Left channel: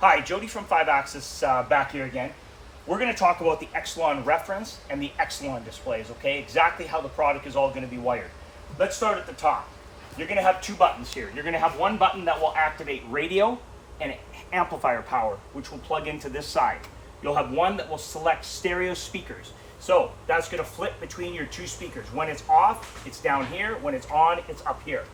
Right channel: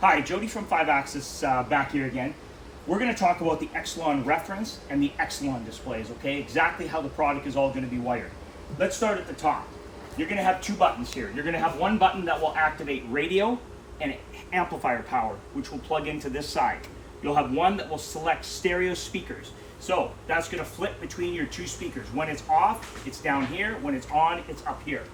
Hi, Jody from 5-Axis back here again. We're going to talk about the Excelon reference and the Excelon displays, okay? Exactly how the product is all going to be wired. Let's start at the top. You're going to have two buttons here. You're going to have one button that will activate radio and amplifier power, which will plug into this side. You'll have one that will select stereo speakers. So that's going to flip between your two speakers. When it's off, it's down here. When it's on, it's up here.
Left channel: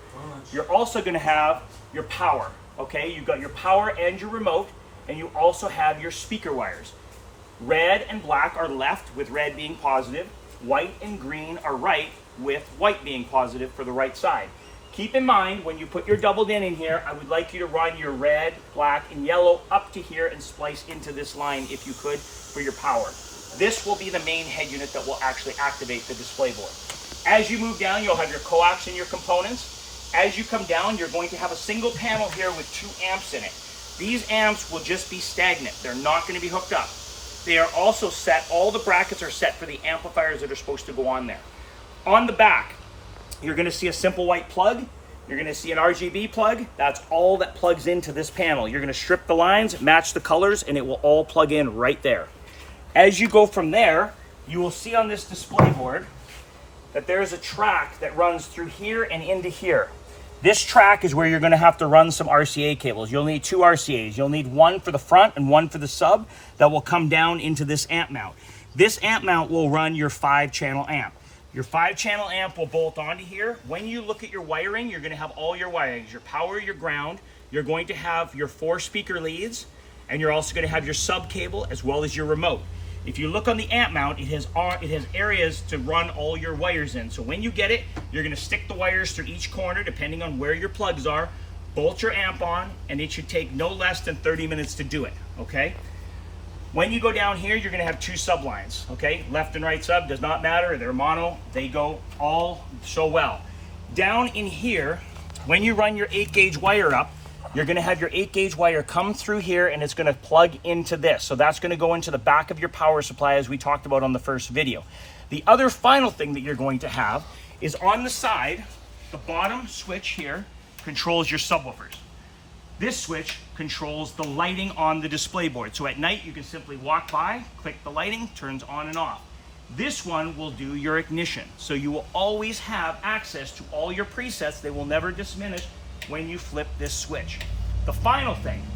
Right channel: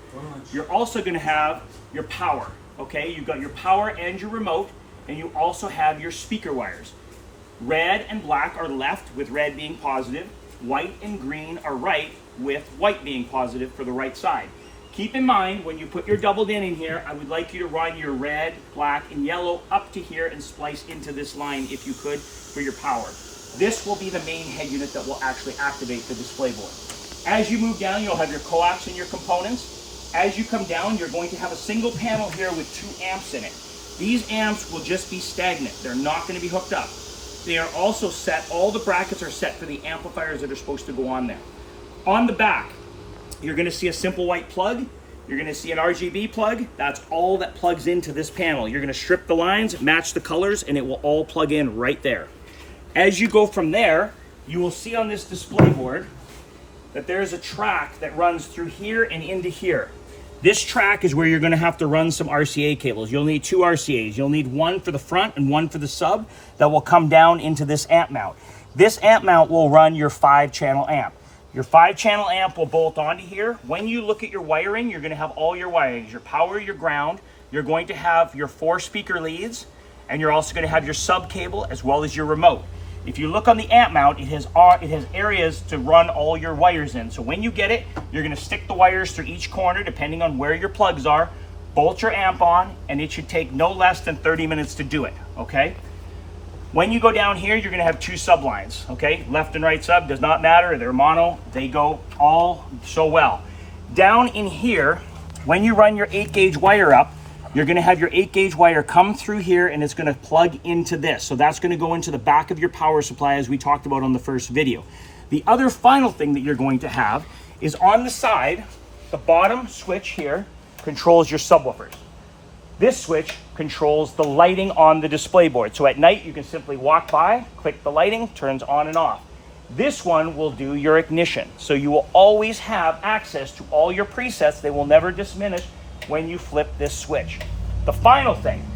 You're also going to have your power, okay? You've got your power and your remote, and you also have your speaker wires. Red and black are left, with red being positive. White and green are right, with white being positive for the right side. Keep in mind, when you put your doubled in here, I would like you to run your red, black, and yellow up to here and splice into this line, if you could, for your power. This will be the main head unit that will actually activate the display board. As you move down, you'll have your coax and your components. As you come down, you're going to have a single panel here with 2 amps in it. These amps will just be stagnant. They're not going to be hooked up. They are also set, all the brackets are set for the amplifiers that are supposed to go on there. On the back, you're going to see a simple white plug. You're going to see an RGB plug. That's all that plugs into this panel. You're going to strip the lines, match the colors, and it will all plug in right there. As you go from there, you will see on this display board that there's a track that runs through here and into here. This track is where you're going to have to run some RCA cables. You'll need 2 RCAs. You'll need one for the front and one for the sub that will come down into this amp mount. This amp mount will run your 5-channel amp. Your 5-channel amp will bolt onto here. When you look at your wiring, you're going to have all your wirings, your power, your ground. You're going to have your 4 speaker leads, and you're also going to have your sub cable as well as your remote. If you look on the amp mount, it has areas to run all your wires in. So when you get it, you're going to stick the wires through each corner depending on where your plugs are, bolt your amp on, and it should take no less than 30 minutes to do it, okay? When you go down here, you're going to have 2 sub lines, okay? Left and right sub, does not matter. They're mono. They go all so well. Down in here, when you run your 8-gauge wire up, you're going to have your 8-gauge wire come through here, and it's going to plug into this. So that's going to go into the back of your power supply, as we talked about on the first video. The other final thing that you're going to have is on the side, the bottom switch here controls your subwoofers. This switch controls the lighting on the display board. So at night, you can simply walk by, click the lighting, turns on and off. This one will do your ignition. So you will always have access to all your presets. They will never diminish when you flip this switch. The final thing,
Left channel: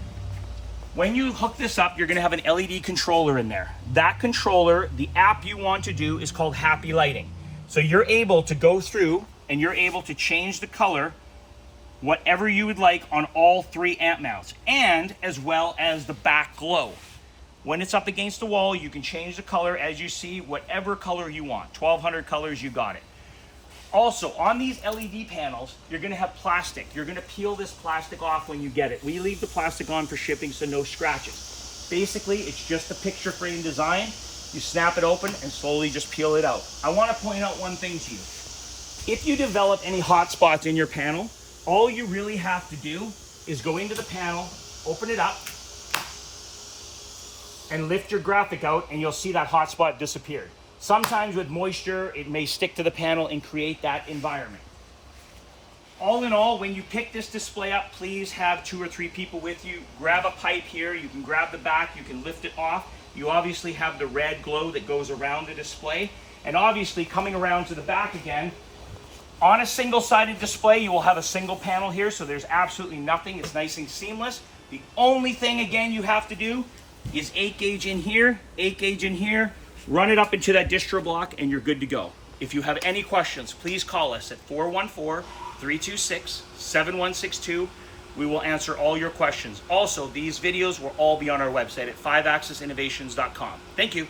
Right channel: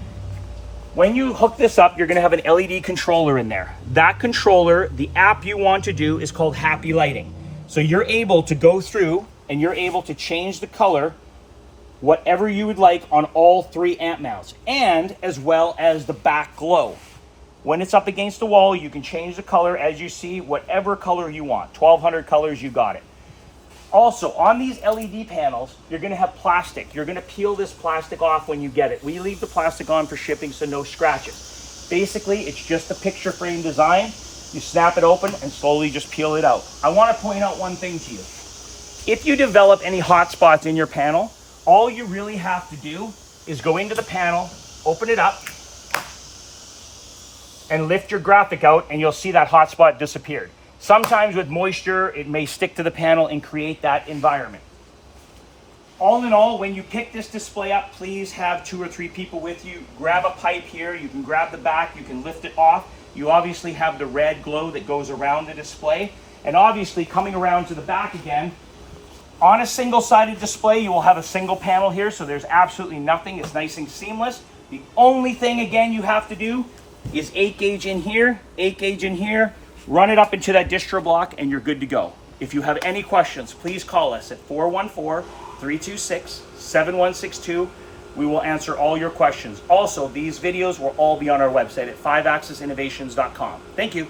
when you hook this up, you're going to have an LED controller in there. That controller, the app you want to do is called Happy Lighting. So you're able to go through and you're able to change the color whatever you would like on all 3 amp mounts, and as well as the back glow. When it's up against the wall, you can change the color as you see, whatever color you want. 1200 colors, you got it. Also, on these LED panels, you're going to have plastic. You're going to peel this plastic off when you get it. We leave the plastic on for shipping, so no scratches. Basically, it's just a picture frame design. You snap it open and slowly just peel it out. I want to point out one thing to you. If you develop any hot spots in your panel, all you really have to do is go into the panel, open it up, and lift your graphic out, and you'll see that hot spot disappeared. Sometimes with moisture, it may stick to the panel and create that environment. All in all, when you pick this display up, please have 2 or 3 people with you. Grab a pipe here, you can grab the back, you can lift it off. You obviously have the red glow that goes around the display. And obviously, coming around to the back again, on a single-sided display, you will have a single panel here, so there's absolutely nothing. It's nice and seamless. The only thing, again, you have to do is 8-gauge in here, 8-gauge in here, run it up into that distro block, and you're good to go. If you have any questions, please call us at 414-326-7162. We will answer all your questions. Also, these videos will all be on our website at 5AxisInnovations.com. Thank you.